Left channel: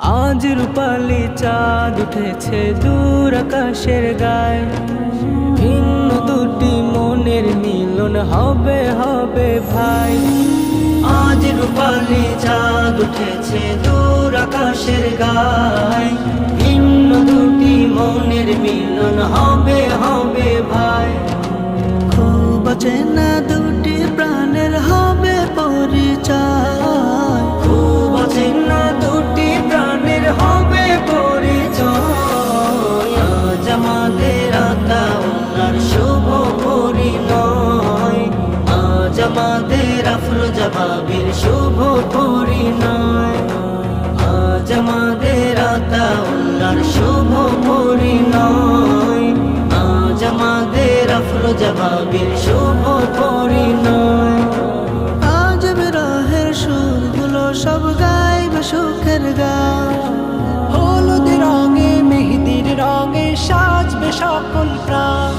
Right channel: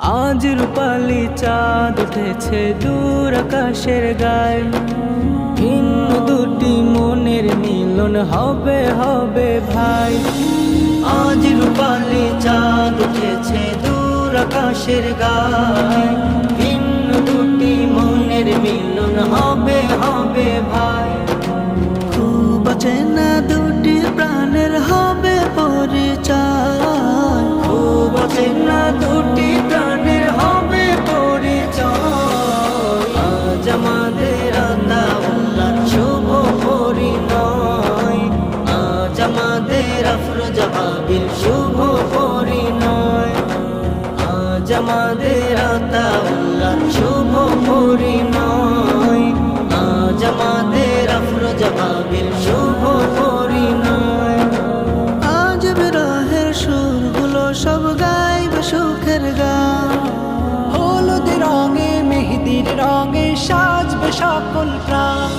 আজ রূপালি চাঁদ উঠেছে দূর আকাশের গায়ে, ভিন্ন দুটি মনের মিলন হবে হবে ভাই। আজ রূপালি চাঁদ উঠেছে দূর আকাশের গায়ে, ভিন্ন দুটি মনের মিলন হবে হবে ভাই। খুব চেনা দুটি প্রাণের হবে পরিচয়, খুব চেনা দুটি প্রাণের হবে পরিচয়। আজ আমাদের আল্লাহর শুভ পরিণয়, আজ আমাদের আফরোজা ভাবির শুভ পরিণয়, আজ আমাদের আল্লাহর শুভ পরিণয়, আজ আমাদের আফরোজা ভাবির শুভ পরিণয়। আজ বিরহের সুরগুলো সব গাইবে সুখের গান, হলুদ রঙে মেহেদির রঙে সাজবে সকল প্রাণ।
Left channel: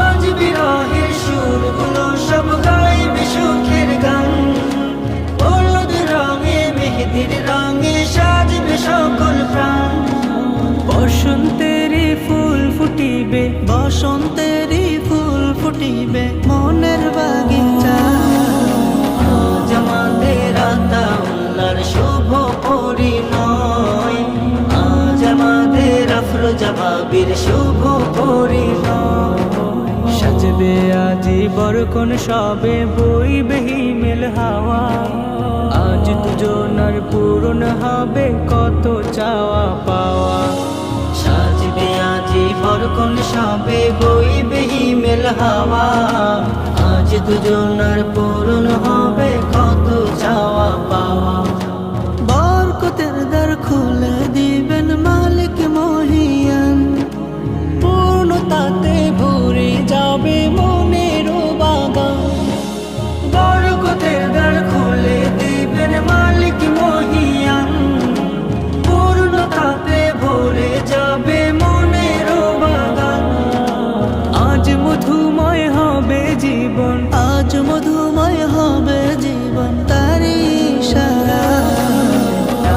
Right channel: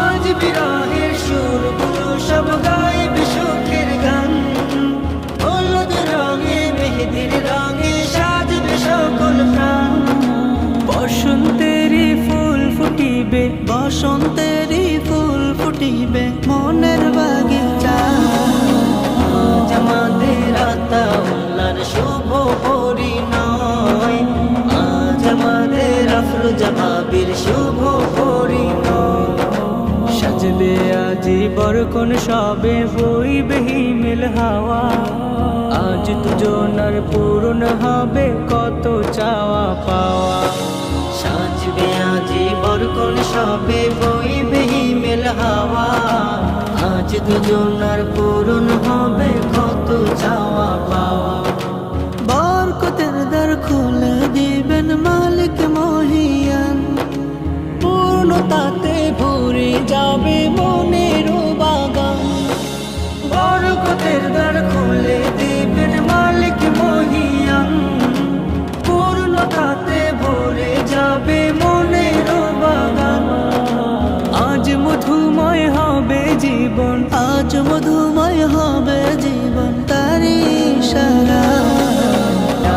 আজ বিরহের সুরগুলো সব গাইবে সুখের গান, হলুদ রঙে মেহেদির রঙে সাজবে সকল প্রাণ। বসন্তেরই ফুল ফুটিবে, বসন্তেরই ফুল ফুটিবে মনের বাগিচায়। আজ আমাদের আল্লাহর শুভ পরিণয়, আজ আমাদের আফরোজা ভাবির শুভ পরিণয়। সাজবে আজি বরকন সবে বইবে হিমেল হাওয়া, আজ দুজনার পূরণ হবে কত চাওয়া পাওয়া। সাজবে আজি বরকন সবে বইবে হিমেল হাওয়া, আজ দুজনার পূরণ হবে কত চাওয়া পাওয়া। বরকতের দ্বার খুলে দিবেন মালিক মহিয়ান, পূর্ণতাতে ভরে যাবে মনের বাগান। বরকতের দ্বার খুলে দিবেন মালিক মহিয়ান, পূর্ণতাতে ভরে যাবে মনের বাগান। আজ মধুময় হবে জীবন, আজ মধুময় হবে জীবন তারি ইশারায়।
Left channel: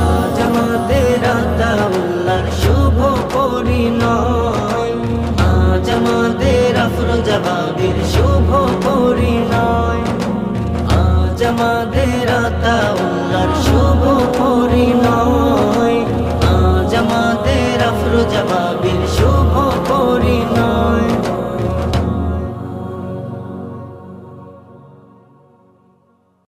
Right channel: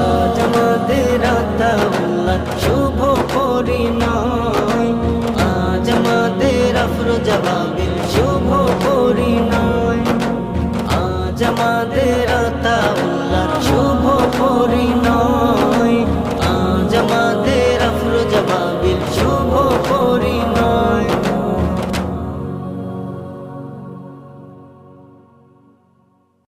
আজ আমাদের আল্লাহর শুভ পরিণয়, আজ আমাদের আফরোজা ভাবির শুভ পরিণয়, আজ আমাদের আল্লাহর শুভ পরিণয়, আজ আমাদের আফরোজা ভাবির শুভ পরিণয়।